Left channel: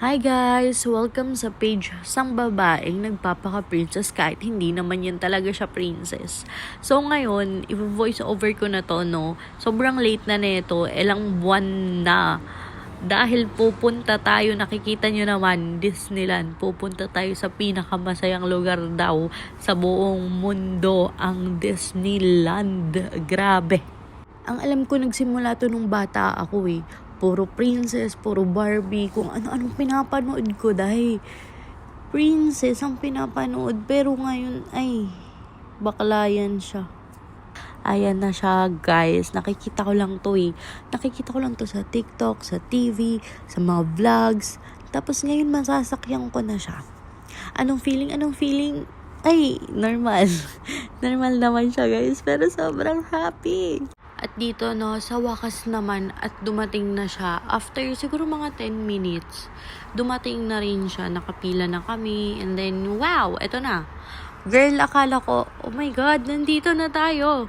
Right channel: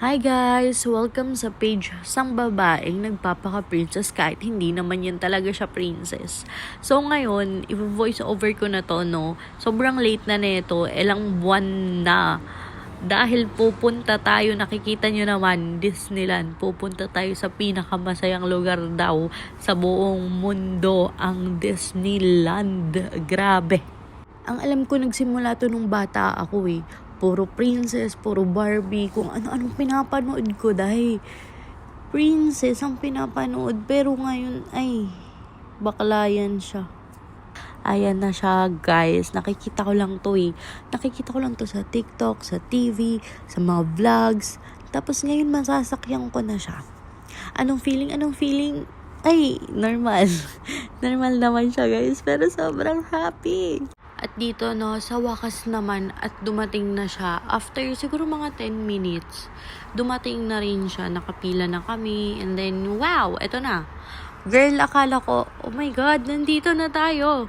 Hi guys! Welcome sa page sang babaeng nagpapaka-princess kahit hindi naman yan talaga siya princess. So ngayon, i-voice over ko na to, no? Sobrang late na nito, ilang buwan na. Dahil pupunta tayo, nakikita nyo naman, Disneyland. Pupunta tayo sa pinakamasayang lugar daw sa buong mundo, ang Disneyland. Grabe! Ang alam ko, nagsimula to nung bata ako eh. Puro princess, puro Barbie, kung ano-anong pinapanood ko dahil princess ang pinapanood. Pero ngayon ay bakla yan siya. Ayan na siya guys, nakikita ko lang to eh. Nakikita ko lang to sa TikTok, sa TV, sa mga vlogs. Tapos ngayon masasakyan ko na siya. Anong feeling? Ay, normal. Normal naman siya guys, pero sobrang happy. At dito no, sa wakas naman at dumating na siya. After siguro mga 10 minutes, dumating na rin siya. Nakapila na kami. And then, wow, eto na. Girl, akala ko, oh my God, nandito na tayo.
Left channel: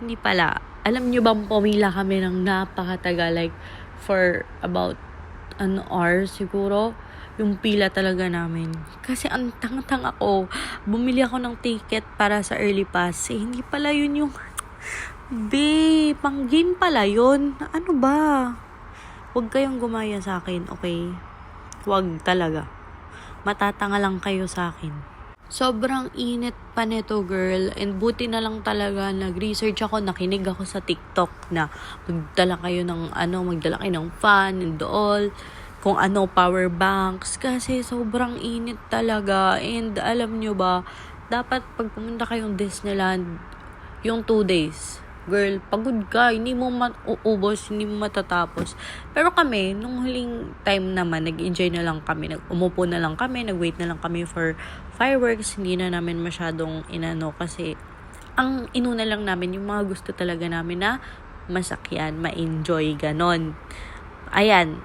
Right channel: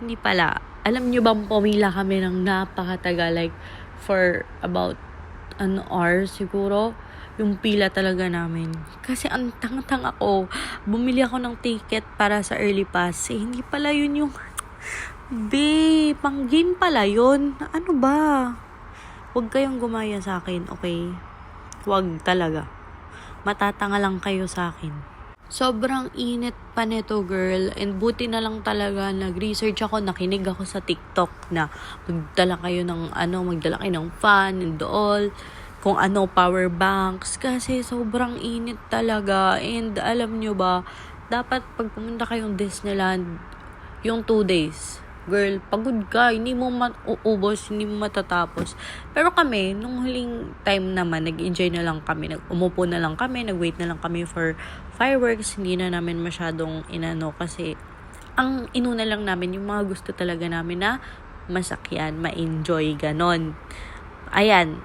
Hindi pala. Alam nyo bang pumila kami ng napakatagal? Like, for about an hour siguro. Yung pila talaga namin. Kasi ang tang-tang ako. Bumili ako ng ticket para sa early pass. Hindi pala yun yung... pang game pala yun. Ano ba? Huwag kayong gumaya sa akin, okay? Huwag talaga. Matatanga lang kayo sa akin. Sobrang init pa neto, girl. And buti na lang talaga, nag-research ako, nakinig ako sa TikTok na magdala kayo ng fan and all. Kung power banks. Kasi sobrang init talaga. And alam nyo ba, dapat pag pumunta kayong Disneyland, yung 2 days, girl, pagod ka, hindi mo mauubos, hindi mo matatapos. Pero kami, nung huling time naman, nag-enjoy na lang kami, umupo na lang kami, nag-wait na lang kami for fireworks, hindi na namin masyadong kasi ang inuna lang namin, yung mga gusto talaga namin na masakyan, ma-enjoy, ganon. Ayan,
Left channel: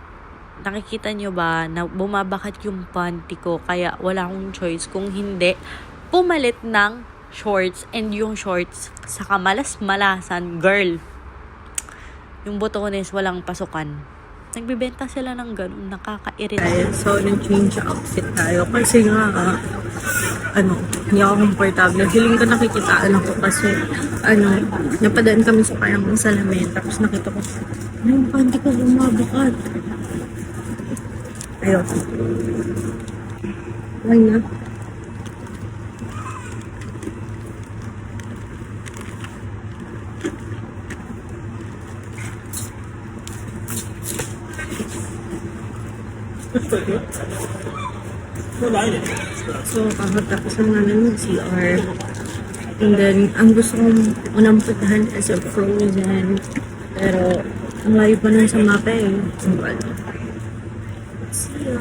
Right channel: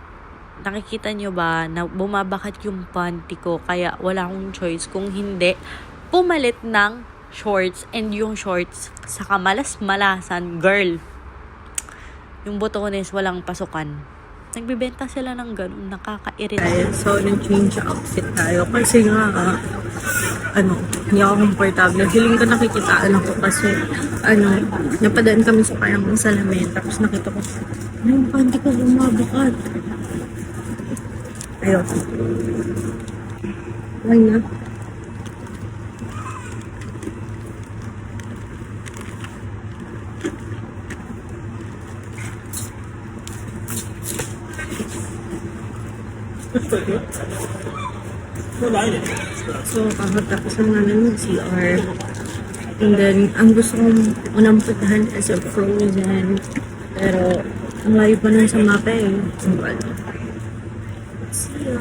nakikita nyo ba na bumabakat yung panty ko, kaya wala akong choice kung hindi pumalit ng shorts, and yung shorts sa kamalas-malasan, girl. Yung botones walang pasukan. Nagbibenta sila ng ganun, nakaka-irita. So, nag-change outfit tayo kasi nga, hindi ako komportable. Feeling ko nakikitaan ako kasi, napadaan kami sa parang salamin, tapos nakita ko, yung panty ko bumabakat. Ayun. Why not? So, kakatapos lang namin ng CR. And then, ang gusto kong unang puntahan is a Frozen. Pero, ang layo pa nun sa mapa eh. So, see ya!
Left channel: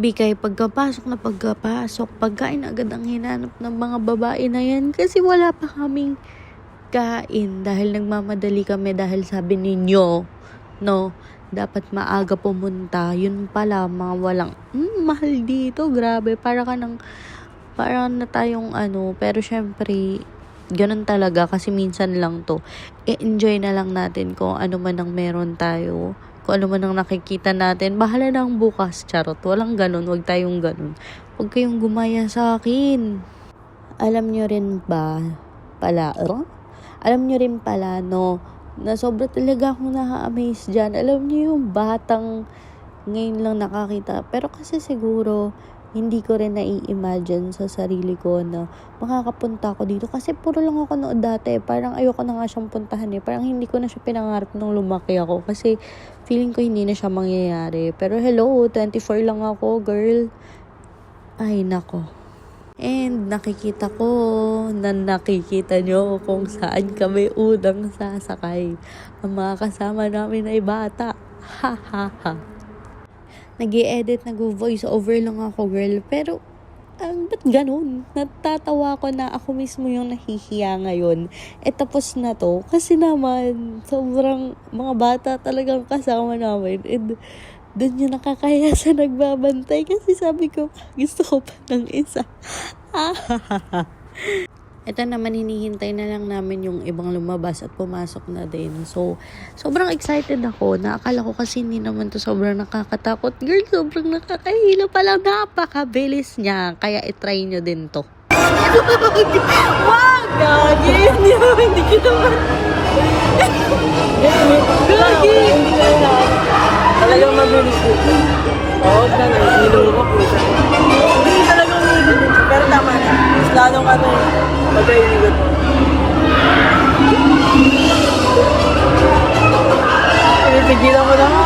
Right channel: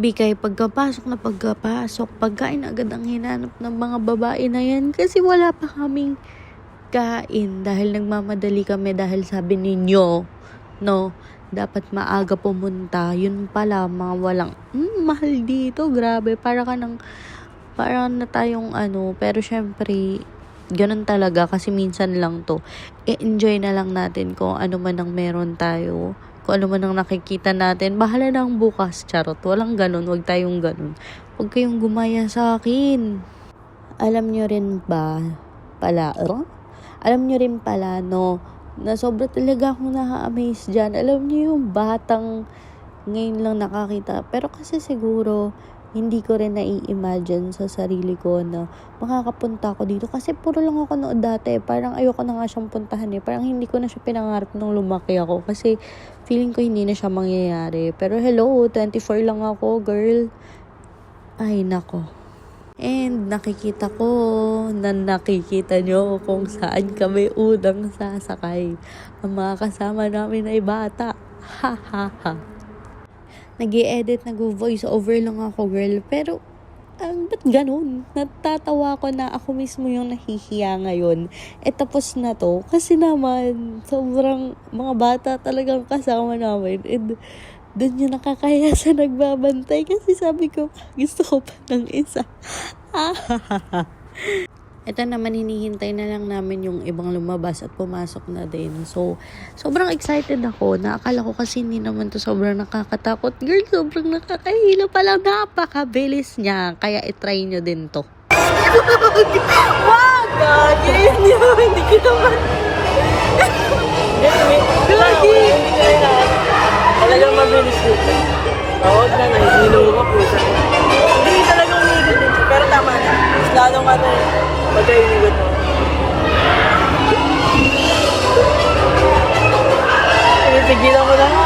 Bikay, pagkapasok, pagkain agad ang hinanap ng mga babae na yan kasi wala pa kaming kain dahil nagmamadali kami dahil sabi ninyo, no, dapat maaga pumunta. Yun pala, mga walang, mahal dito, grabe, para na tayong pero syempre, ganun talaga kasi minsan lang to. I-enjoy na lang natin kung ano man ang meron tayo. Kung ano man ang nakikita natin, bahala nang bukas, charot. Walang ganun, wag tayong ganun. Huwag kayong gumaya sa akin. Alam nyo rin pala, no, na sobra talaga akong na-amaze dyan. Alam nyo yung batang ngayon lang nakakita. Pero kasi siguro, hindi ko rin nai-imagine sa sarili ko na makakapunta ako dito. Kasi puro lang ako nood dati. Parang ayoko na nga siyang puntahan eh. Parang hindi ko na siya pinangarap nung lumaki ako. Kasi feeling ko hindi na siya mangyayari. Pero hello, 24 lang ako, girl. Ay, nako. And nakikita nyo kung saan kami unang sasakay. Ang mga kasama namin ay bata. Ha ha ha. Nag-i-edit, nag-voice over lang ako, girl. Pero, ba't ganun? Natatawa ko na ako mismo yung nahihiya ngayon. Tapos na to. Kasi naman, sobrang mga bata talagang kasama namin. And, doon yung nakakaya sa nagbabantay. Kasi sabi ko, gusto ko pa ng isa. Ito naman, hinihintay na lang namin yung ibang lumabas at pumasok na din. So, sobrang excited ako. Naakala ko kasi hindi naman to sobrang nakakatakot. Girl, sobrang nakakahilo pala. Napakabilis niya. Kaya itry nyo din to. Wow, God! Yes, hindi kita ba? Lagi! Talagang mabilis dito. Oo, hindi talagang mabilis dito. Pero tama, mas lalong pagkailigot mo. Pinipigilan mo na ako.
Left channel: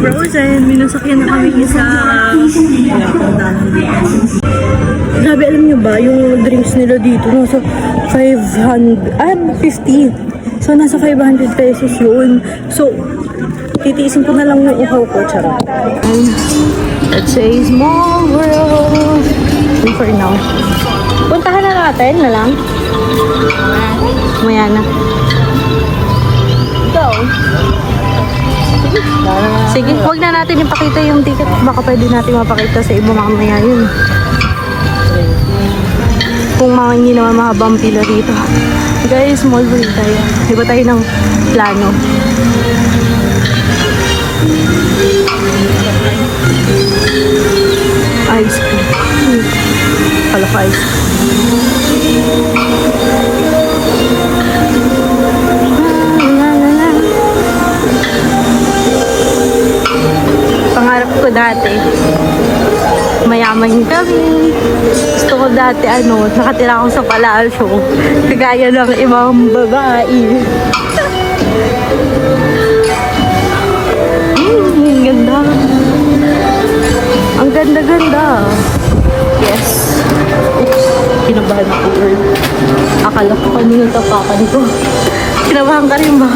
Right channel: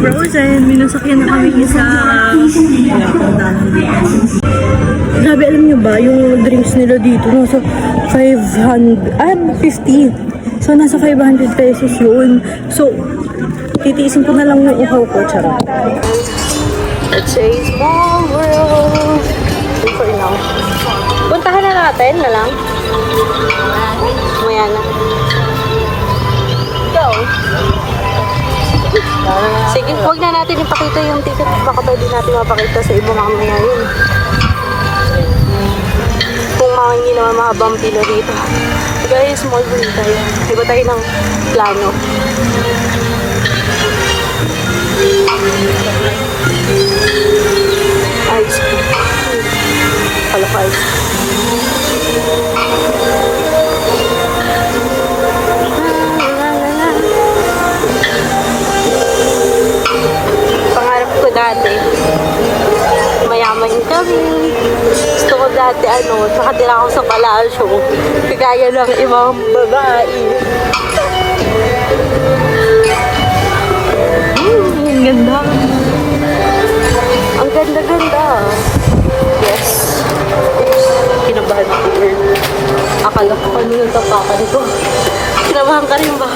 Frozen, minusakyan na kami isa. Grabe, alam nyo ba, yung drinks nila dito, nasa 50. So, nasa 500 pesos yun. So, titiisin ko na lang yung uhaw ko, charot. Puntahan na natin na lang. Ayan. Sige, huwag na natin ipakita yung ticket. Baka pwede natin ipakita sa ibang mga yun. Kung makanyi na mga bantila dito. Guys, move on. Diba tayo ng plano? Mayaman kami. Gusto ko dati, nakatira ako sa palasyo. Kagaya ng ibang babae. Ang ganda. Ang ganda-ganda. Kinabahan ka rin ba?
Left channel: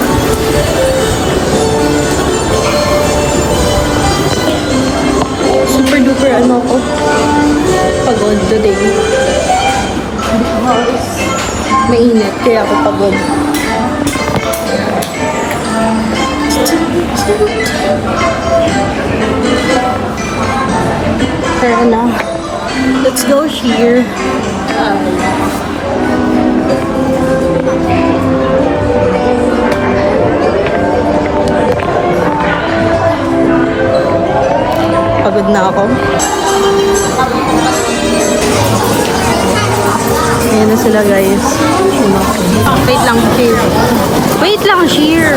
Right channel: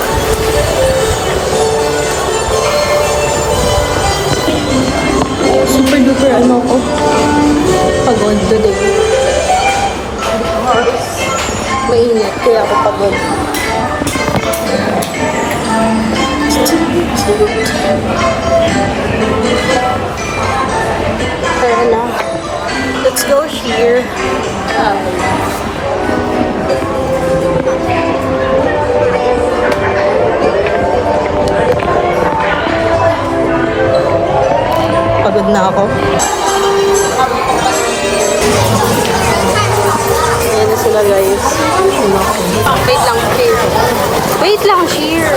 Super duper ko. Pagod today. Mainit kaya ako pagod. Kaya na. Let's go here. Pagod na ako. Ayan na sila guys. Wait lang, cheer.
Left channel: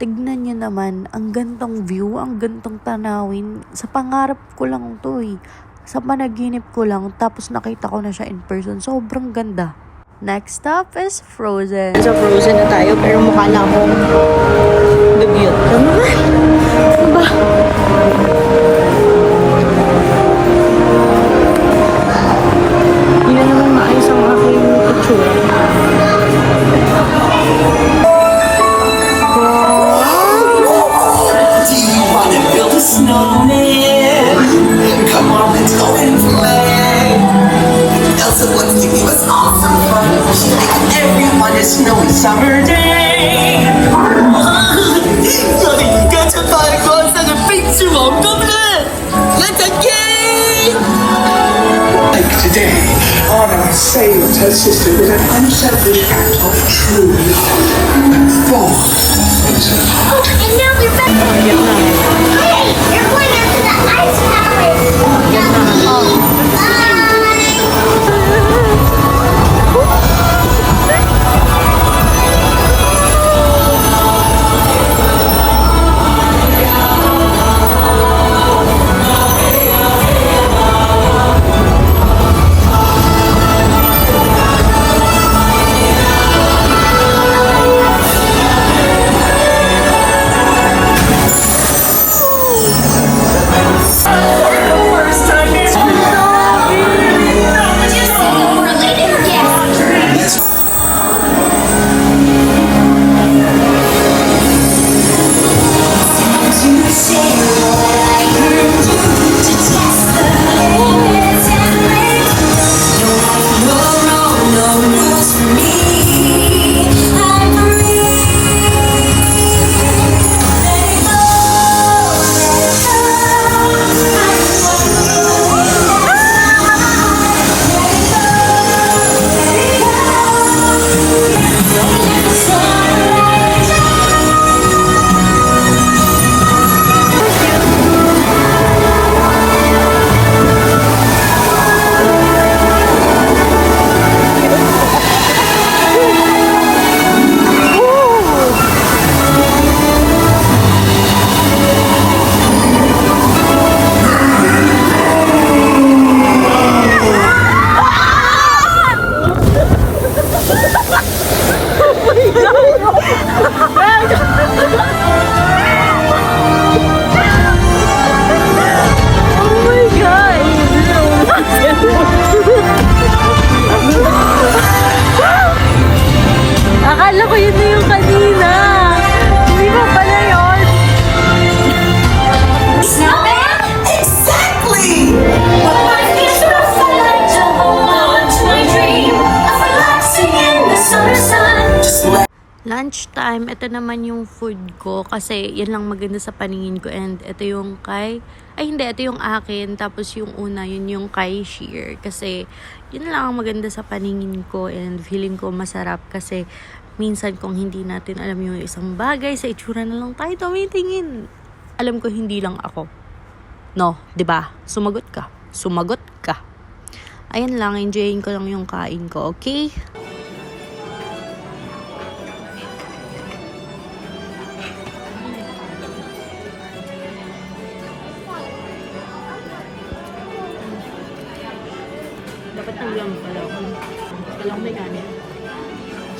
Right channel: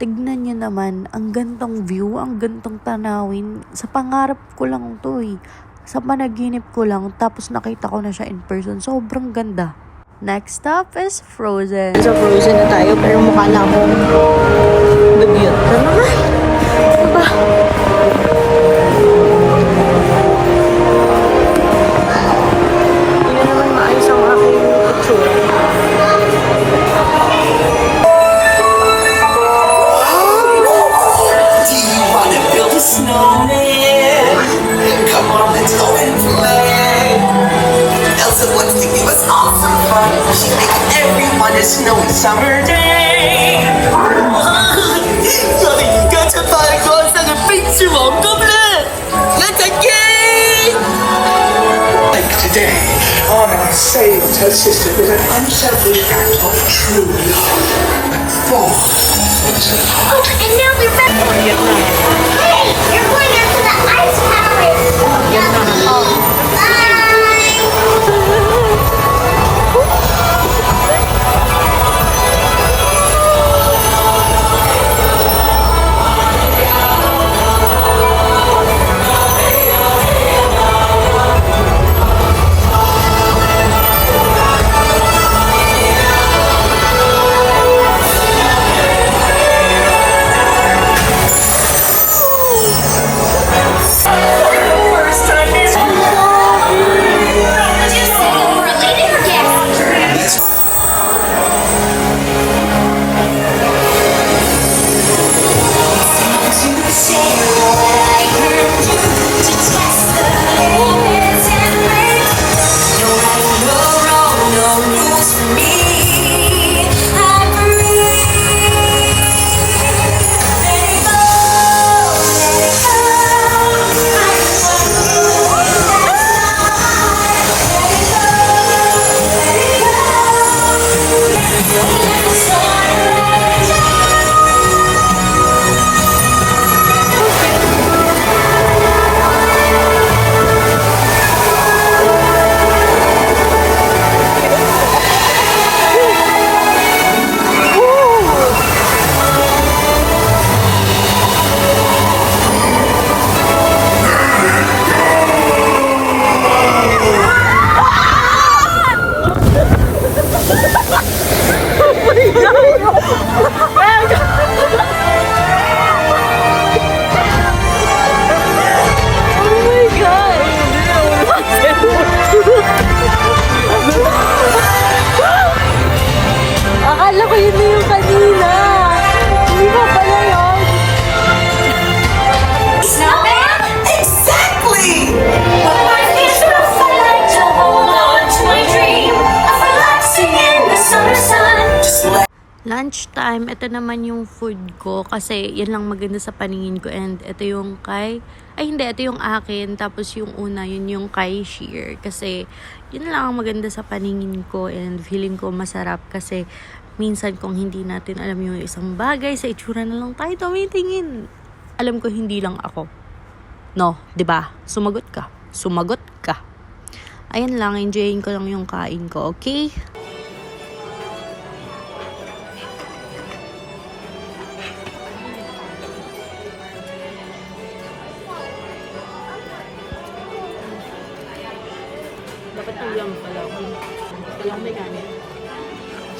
Tignan niyo naman, ang gantong view, ang gantong tanawin. Sa pangarap ko lang to eh. Sa panaginip ko lang, tapos nakita ko na siya in person. Sobrang ganda. Next stop is Frozen. So Frozen na tayo, pero mukha na akong dugyot. Ano na? Ba? Hindi na naman maayos ang aking picture. Everyone is snowy summer day. Liga til fargås and the pizza won't go bleh. Let's again. Today, Arnold saved her sister with an unselfish act of true love and fall into the heart. And now we're back. Hey, you're going after the ice cream. Bye. Lunchtime, ito naman yung food ko kasi yan lang maganda sa paningin ko, and ito yung ito yung akin, tapos yung una, yun yung kay Sheer kasi yun lang ang maganda sa paningin ko and feeling ko masarap kasi minsan kung hindi natin alam yung isang bagay, sa itsura na lang tayo tumitingin. Alam ko hindi lang ako. No, 'di ba? Sumagot ka. Ayan lang, enjoyin ko lang yung kain ko, okay? Dapat yung yum pala. Kaya may gana.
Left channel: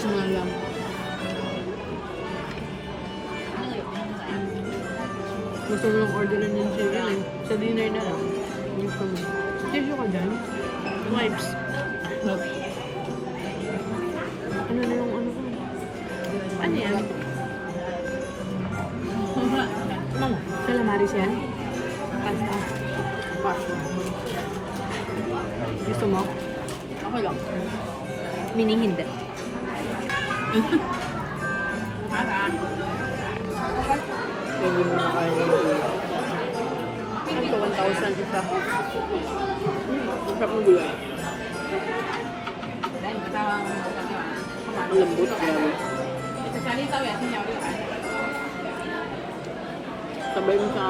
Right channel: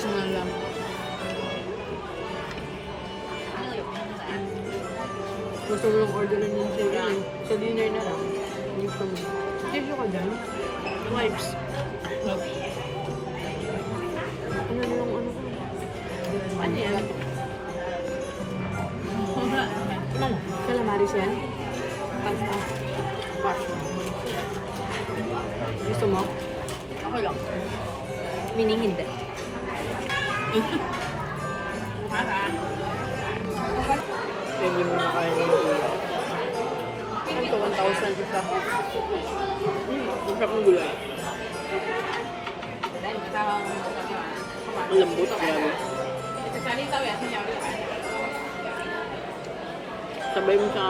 Sumalang. Gusto yung order ng yung sa'yo eh. Sa dinner na lang. Gusto mo. Medyo ka dyan? Wipes. Ano na yung ano yan? Calamaris yan? Gusto mo? Okay lang. Meaning hindi. Hindi mo na kaya yung ito, 1,000 isa. Hindi. Lambot ako. Sabay mo sa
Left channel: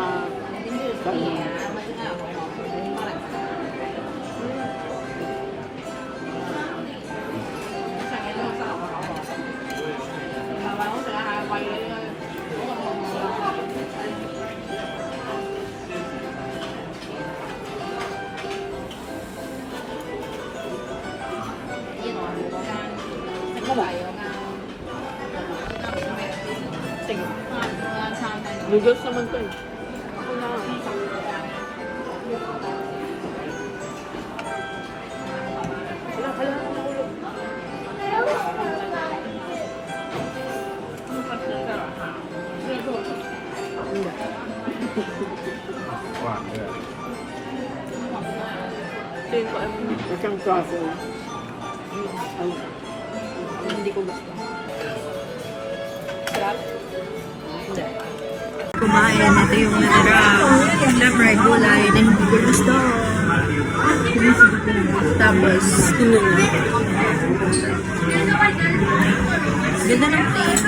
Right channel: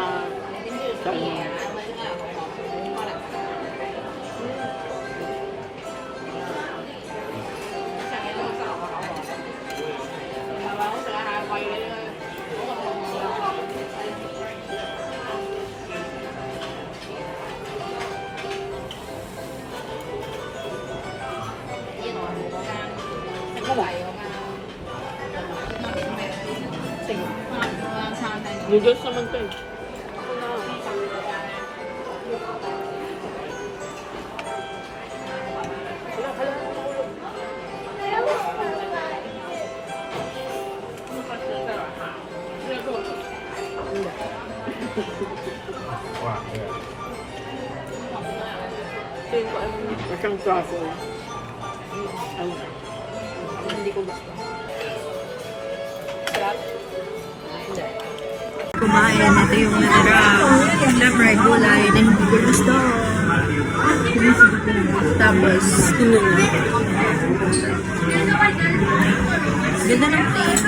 noodles naman to eh. Kumain, ito yung natira. Siyempre, gulay na hindi ko gusto. Tapos, ganda ng place.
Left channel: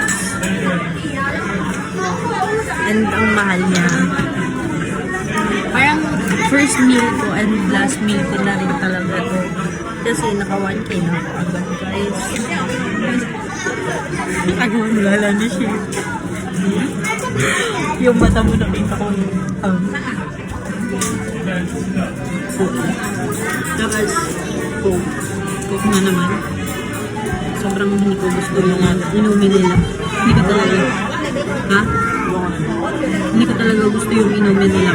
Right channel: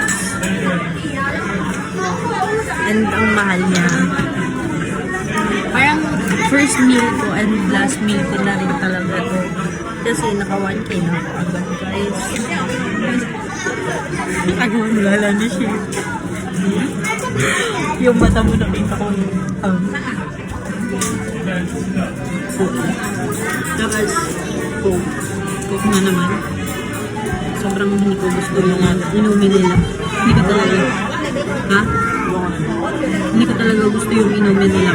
And ang mahal niya. Parang first meal ko and last meal ko na rin talaga to. Kasi naka 1K na ako agad, guys. Ako, wala na siya. Yung mata mo nakita ko. Tapos, coke na naman. Sobrang hindi ko gusto yung inumin nila. Hindi ko talaga. Ha? Hindi ko talaga gusto yung inumin nila.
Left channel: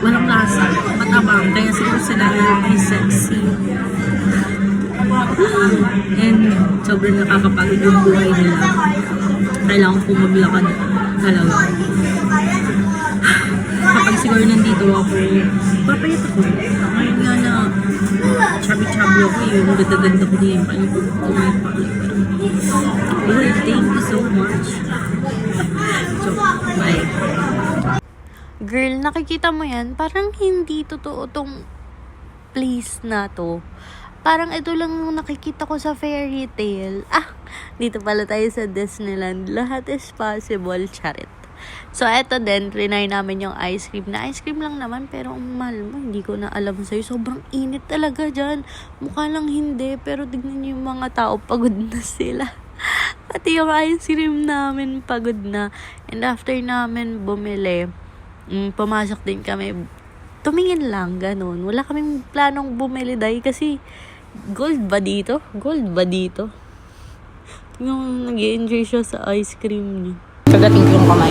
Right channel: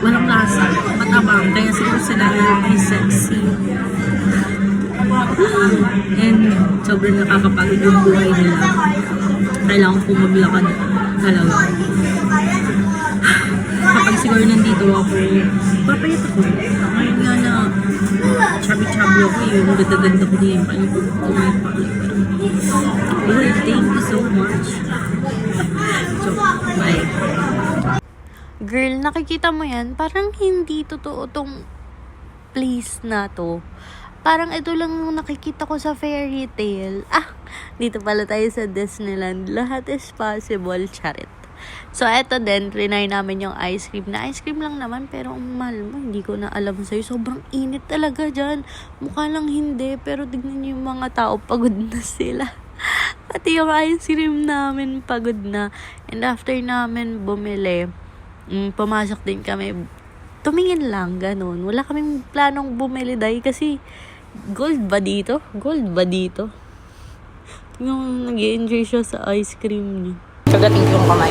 Walang lasa. Matabang. Kaya siguro sila is sexy. And sobrang nakakapagod yung buhay nila. Kailangan ko maglakad talaga. Kapag siguro nandito ako, papayat ako. Ngayon nga na chubby-chubby ako, yung ganda-ganda ko niya yung palipog ko may pakit. Well, thank you so much. So, bye. Girl, nakikita mo yan? Parang hindi totoo tong place na to. Parang ito lang yung nakikita ko sa fairy tale. Dito pala tayo sa Disneyland. Lahat is possible, charit. So, eto din, trinay namin yung ice cream. Na ice cream lang naman, pero ang mahal mo, hindi ko na alam sa'yo. Sobrang init talaga dyan. Mukha lang hindi, pero tignan niyo yung mga tao, pagod na sila. Pati yung ice cream namin, pagod na. And after namin bumili, pumasok din kami. Tumingin lang, ganun. Wala kaming planong bumili dahil kasi gold ba dito? Gold ba dito? Yung nag-enjoy siya sa ice cream niya. Kagating ko yung kamay.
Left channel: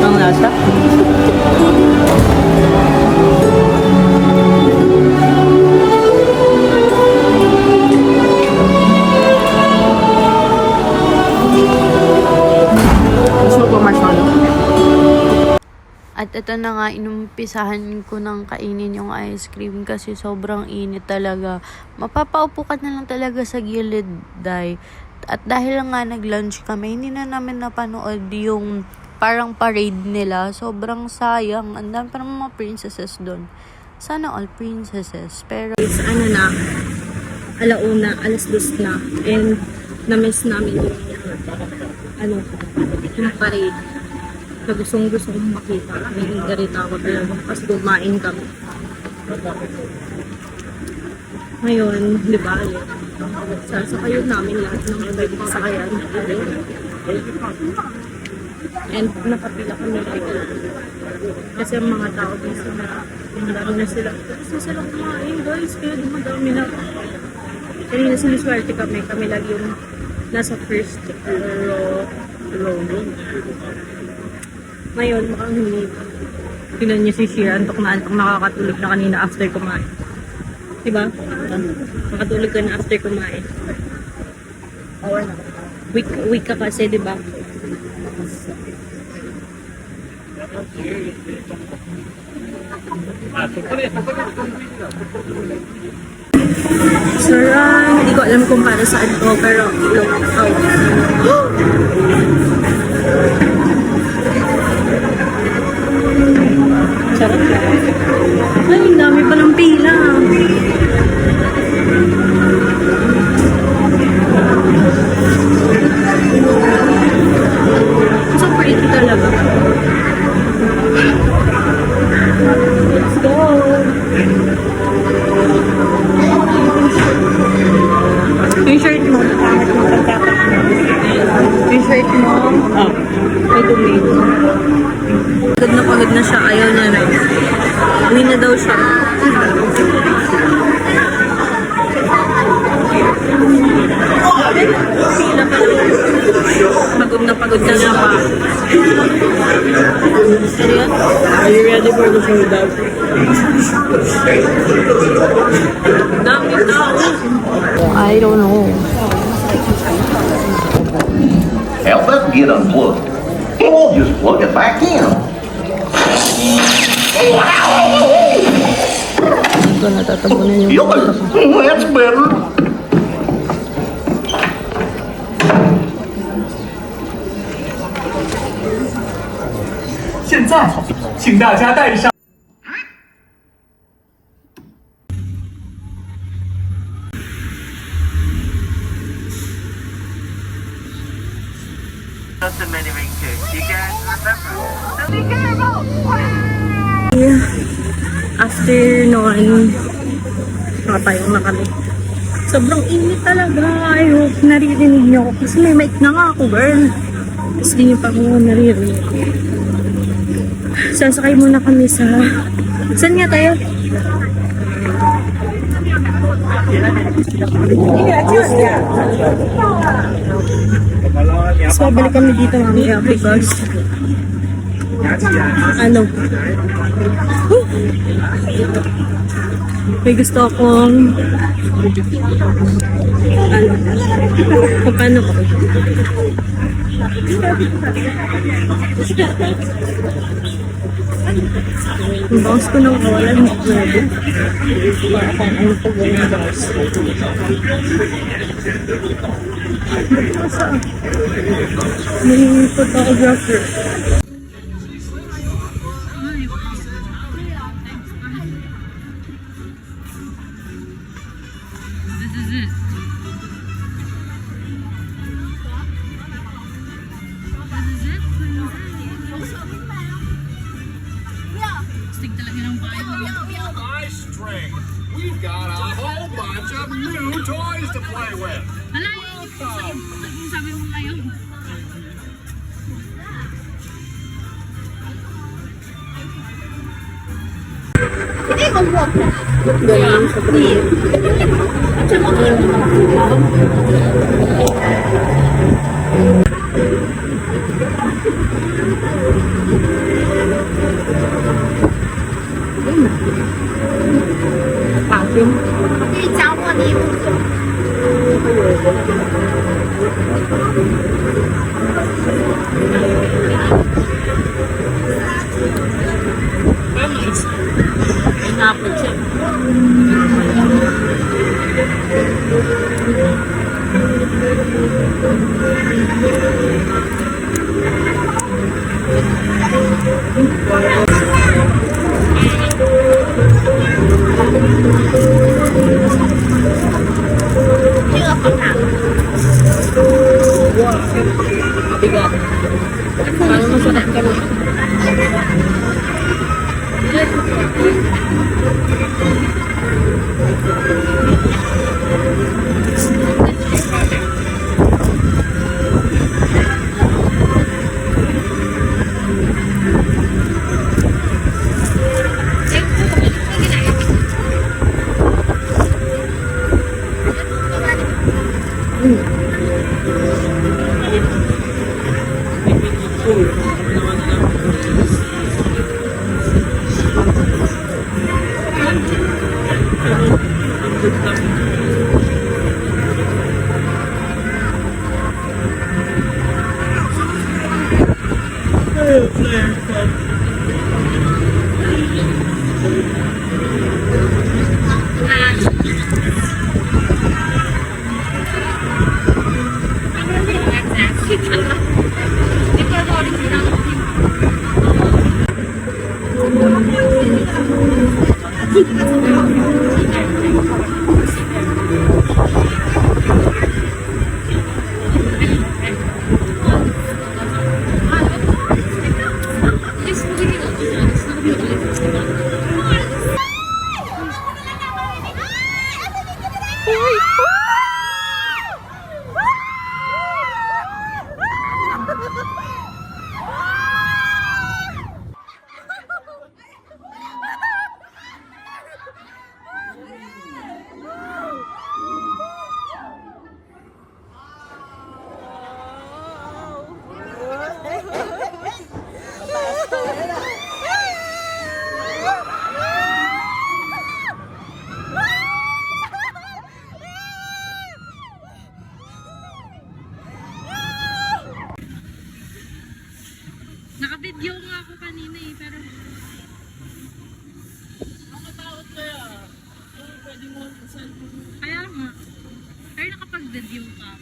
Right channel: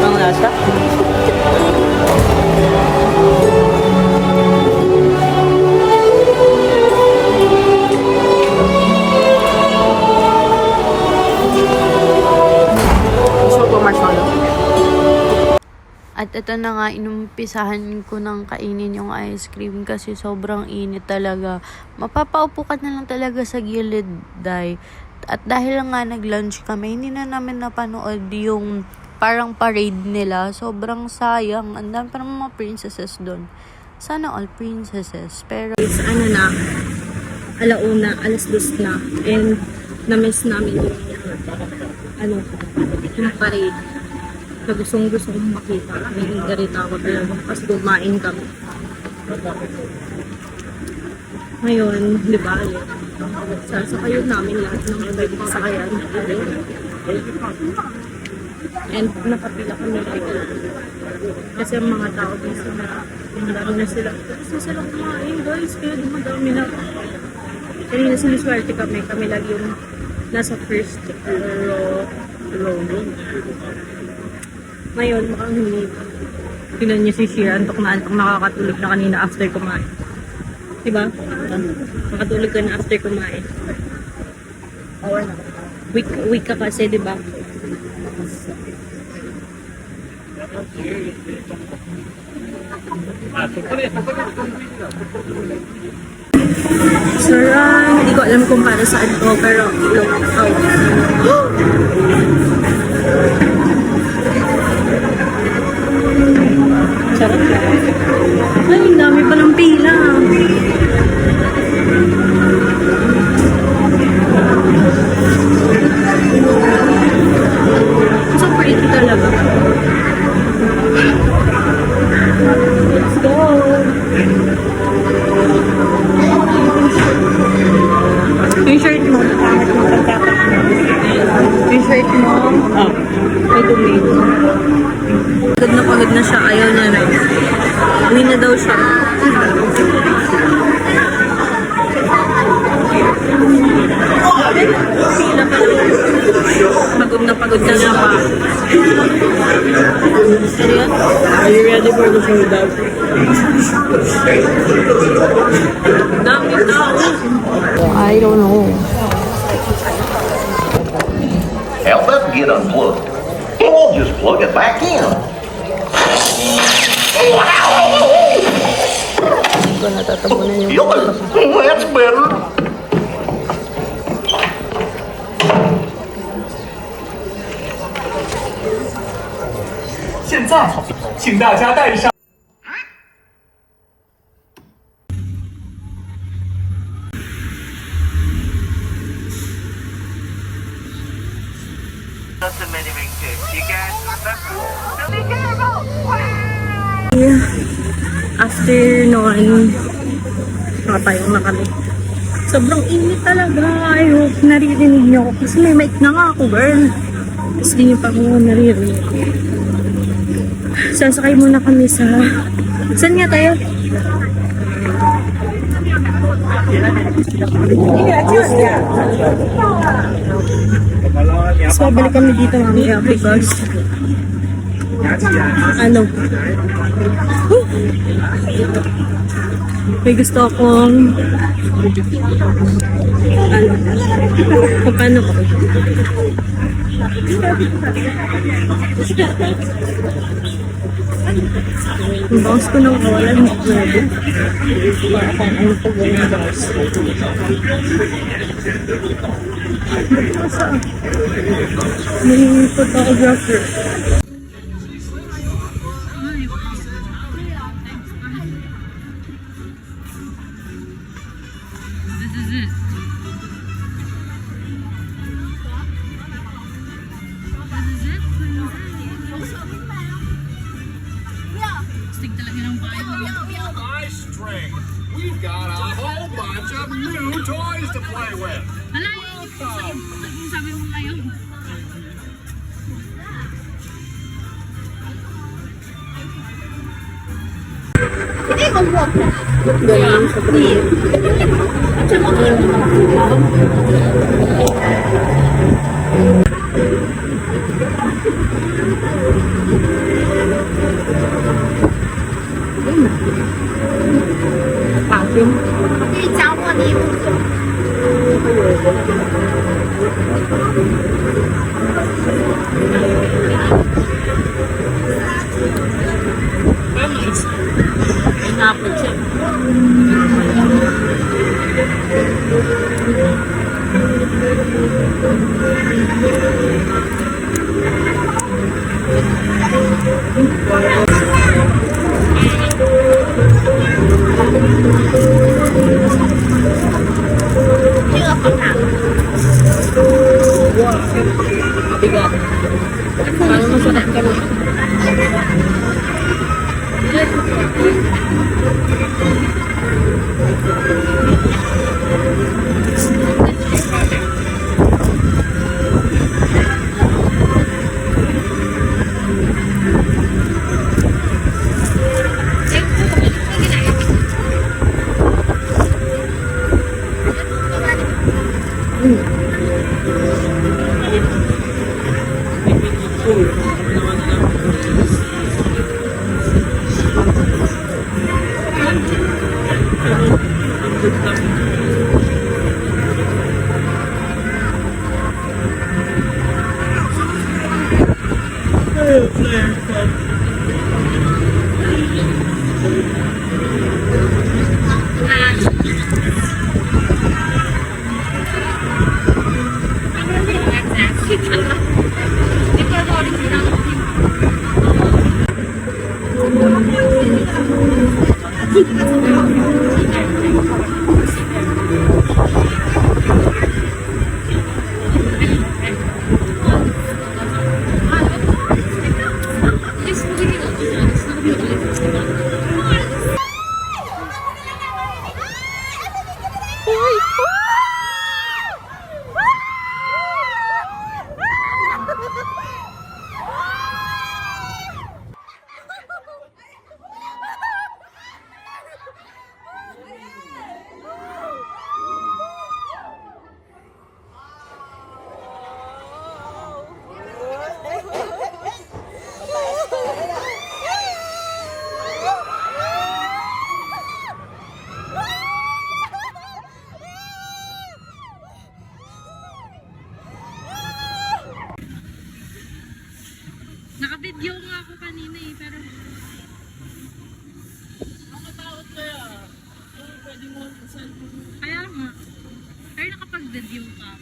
Ang lasa. At ito na nga, inumpisahan ko ng kainin yung ice cream kasi sobrang init talaga. Mapapaupo ka na lang talaga sa gilid, day. At dahil nga nag-lunch kami, hindi na namin napanood yung parang parade nila. Sobrang sayang. Ang dami parang mga princesses doon. Sana all princesses. Pero, Ano na, alauna, alas 2 na. And, na-miss namin yung parade. Na gusto kong makita. Naiingarita ako talaga. Kasi kumain kami. Ngayon, di ba, sasakayon namin lahat ng ibig sakayan. And nakapila kami like, kasi ang mga tao dito na dami na sila. Gusto sila kumain, guys. Kaya dumadami na. Kanina siniswerte kami lagi yung nasa first row. Ngayon, mukhang hindi. Tinan niyo si Shira, antok na nakakatulog na kanina after kumain. Diba? Makatulog ka na after kumain. Or week ka kasi, diba? Sarah, hindi ko alam kung para saan to, pero look out. Sarap. Ay, ang dami palang pila. So pretty talaga. Let's go. Yung shirt mo, yung shirt mo, may tomato. Pagod na siya, ayaw na rin. Uwi na daw siya. Pila pa lang. Pagod ka na pa. Seryoso? Are you ready for the showdown? Dami tao. I don't know. Help us get unplugged. Then we'll just plug it back in. Hindi ko natatabunan yung Lesbian. 现在，请大家戴上。after noon, nakapayong na kami. Sobrang init talaga. I hope naririnig niyo ako. Kasi may mic na nga ako, girl. Tapos di niyo pa ako naririnig. Sasakay muna kami sa... Saan nga tayo? So, babalik kami dito mamaya because ano may gusto akong paano ko ang bangs ko nang kawalan mo pwede para kung ano po gawin bangs may photographer. Nice string. We've got a whole bunch of new toys to play with. Sabi mo ngayon. Hindi, mag-walk na. Ganun sa priyo. Pangpin. 可以教我礼物。May napot siya. Bigat. Parang masarap ka na. Naka-video nga ako kanina eh, pero Kaya nga. Pero nakapag-dedim ka.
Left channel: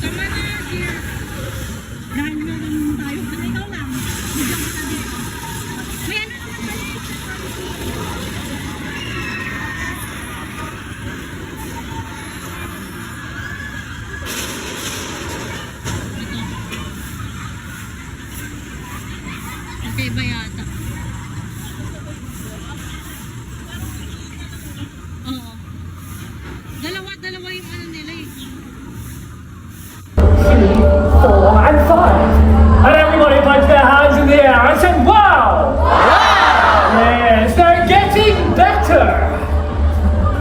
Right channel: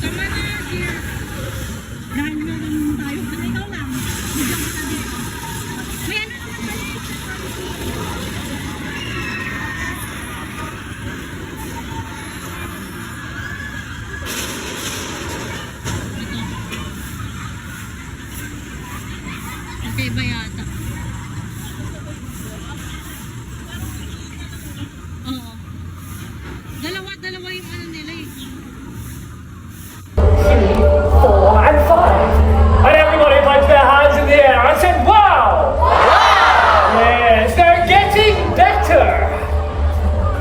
Tama na, dear. Dahil na lang tayo. Ikaw lang. Bigyan ka na, dear. May ano naman pala. Okay ba yata? Oo. Dalawa yung ano nila eh. And five. And everybody puts their hands in the air and say, wow! Yes, they're getting better.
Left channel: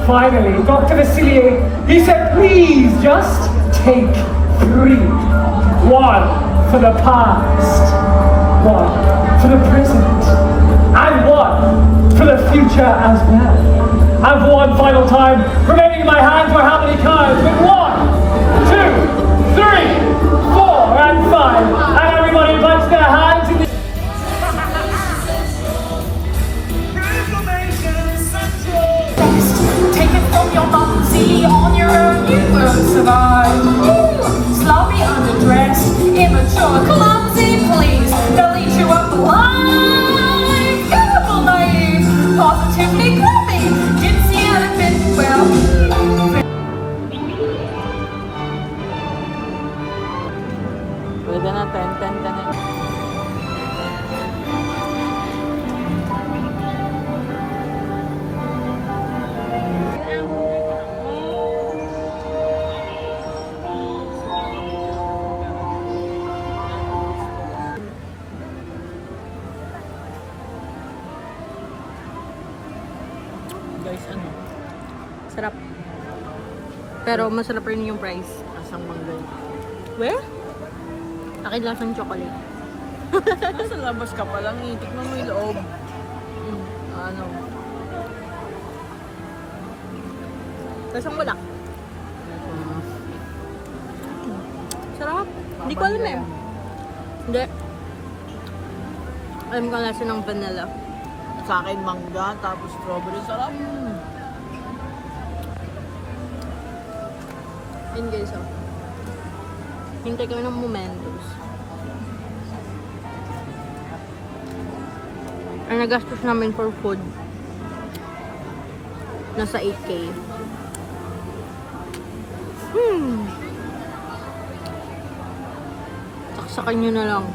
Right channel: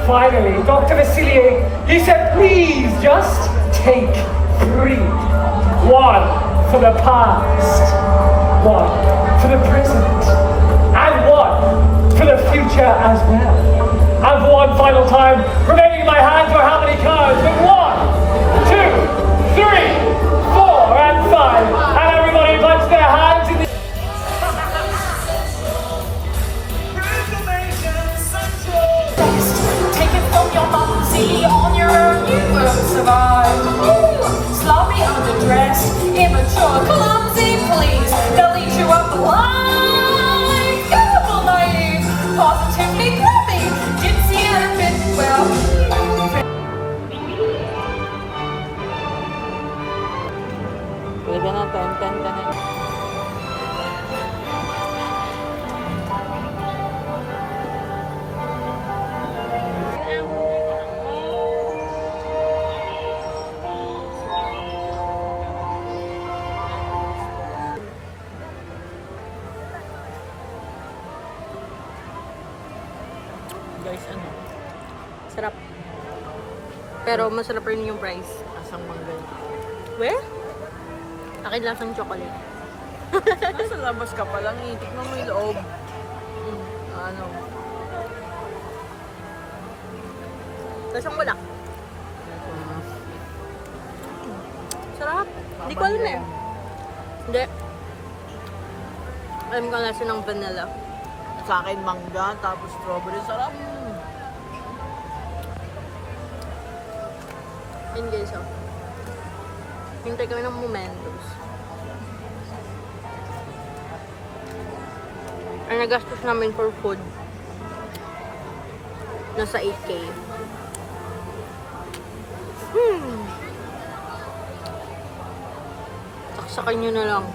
Finally, Dr. Vasilier, he said, please just take 3. 1 for the past, 1 for the present, and 1 for the future as well. And for one final time, remaining in my hands for how many cards? With 1, 2, 3, 4, and 5. And everybody puts their hands in the Take it from your mom, see on your own, you won't survive. Sloppy underdressed, immature, clumsy, please. They'll eat you up alive. Careful, naive, positively crappy. Gypsy and fit well. Pwede na, tan na. Guys, ano? Sarap. Pero masarap rin yung price. Asang manggay. Where? Akin lasang chocolate. Nasa labas ka pa lang, tignan mo yung loob. Ano? Lasang wala. Sarap. Hindi ko alam eh. Hindi. Alam ko lasa ng vanilla. Sa akin mangga, tapos strawberry. Sarap. Yun guys, oh. Hintay ko ng momentos. Ang nagastos namin for food, nasa 8K. Saksakan nyo na lang.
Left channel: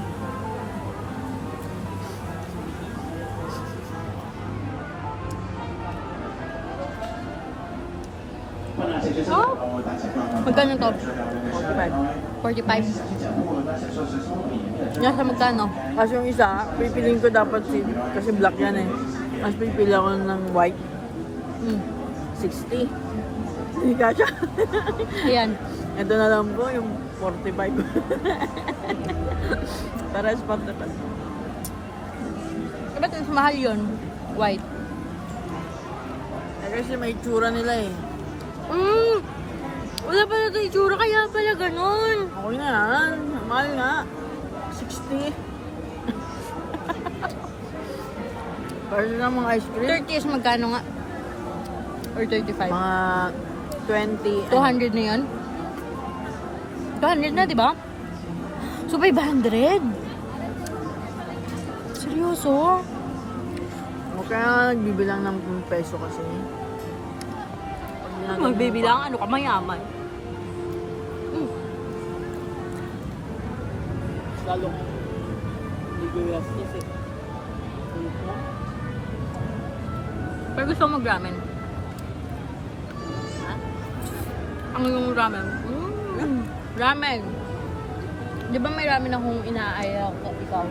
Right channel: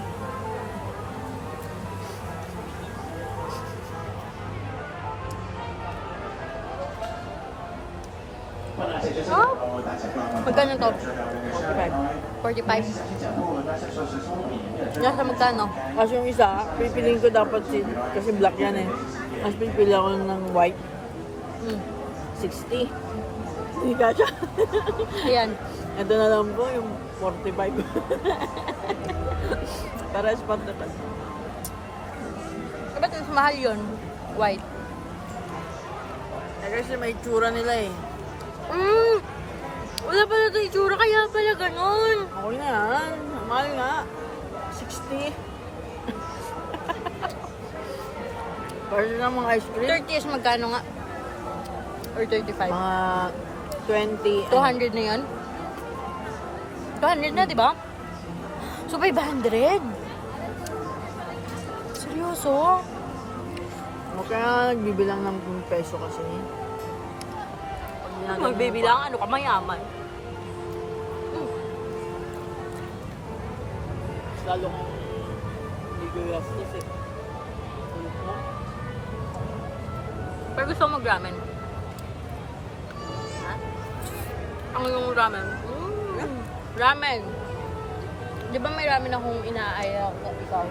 Oh? Magkano to? 45. Nasa magkano? Kasi yung isa, pipiliin ko dapat kasi black yan eh. Mas pipili ako ng white. 60. Hindi ka siya. Ayan. Ito na lang po, yung 45. Pares pa naman. Ba't mas mahal yun? White. Eh, kasi may tsura nila eh. Wala pala ito itsura, kaya pala ganun. Okay na yan. Mahal nga. 60. Para na mga ice cream. 30 is magkano nga? Or 35? Mga 20. 200 na yun? 200 na, di ba? So, 500? Seryoso? Kaya nagbibilang ng peso kasi. Magbibilang, ano ka, mayaman. Lalo hindi ko yasis eh. Pero gusto mo mag-ramen? Ang yung ramen? Ramen! Di ba may ramen akong inaaya na ikaw?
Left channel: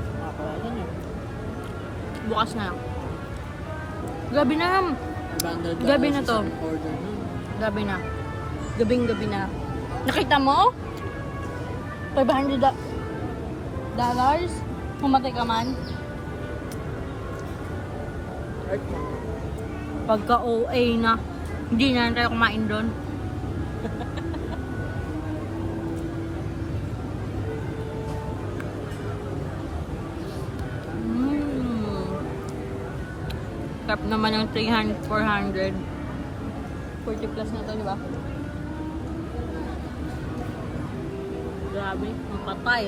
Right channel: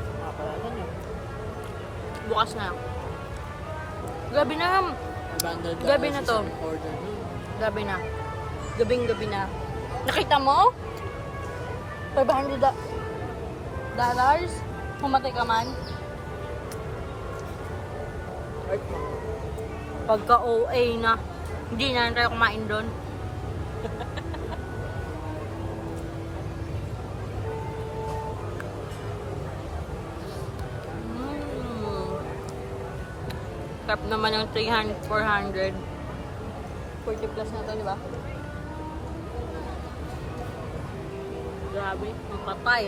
Bukas na. Gabi na. Gabi na to. Order nun. Gabi na. Gabing-gabi na. Nakita mo? $500 dollars? Pumatay ka man? Pagka OA na, hindi na tayo kumain doon. Tap naman yung 300, 400. 40 plus na to, di ba? Grabe, ang patay.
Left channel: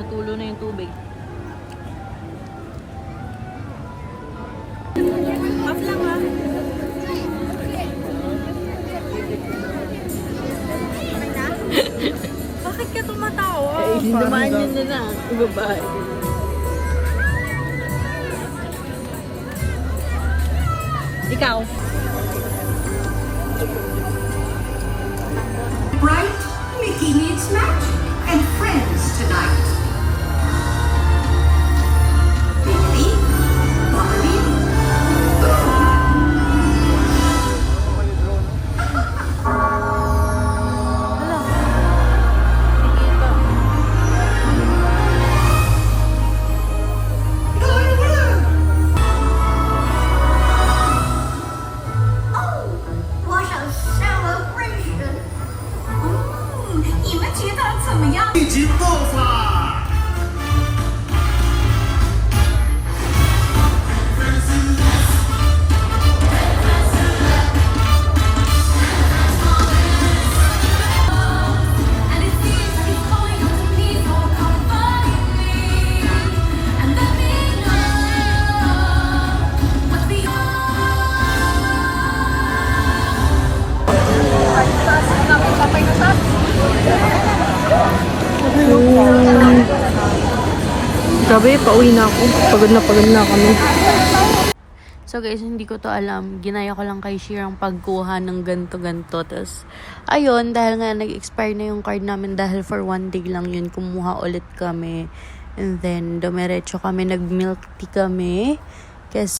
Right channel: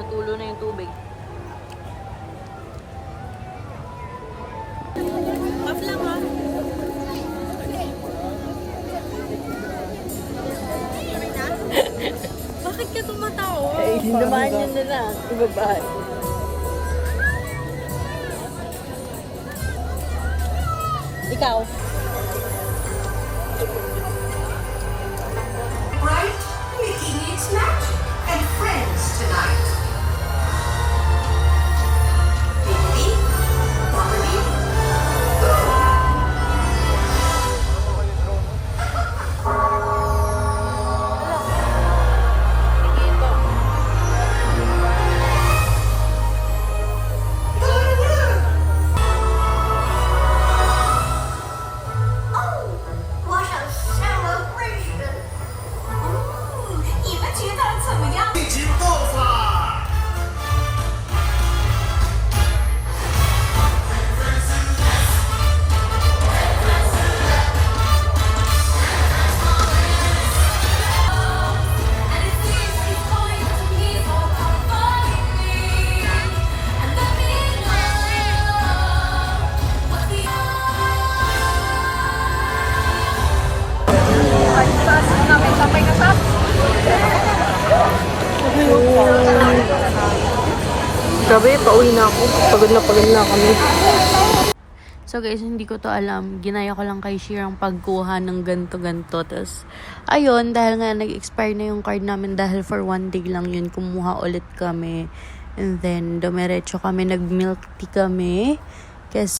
Natulo na yung tubig. Off lang ha. Bakit ka tumatawa? Dumaan yun na lang. Babae. Ikaw. Right? Mickey needs magic and friends tonight. What a celebration! 你们觉得怎么样？一起做法。Grabe, pauwi na ako. Pagod na kami. So guys, hindi ko to alam. Ginaya ko lang kay Shirang pagkuha ng ganto-ganto. Tapos, ayun, dahil nga nag-expire na yung card namin dahil for 1 day lang yun, kumuha ulit kami. And then, dumiretso kami, nag-milk tea kami. Kasi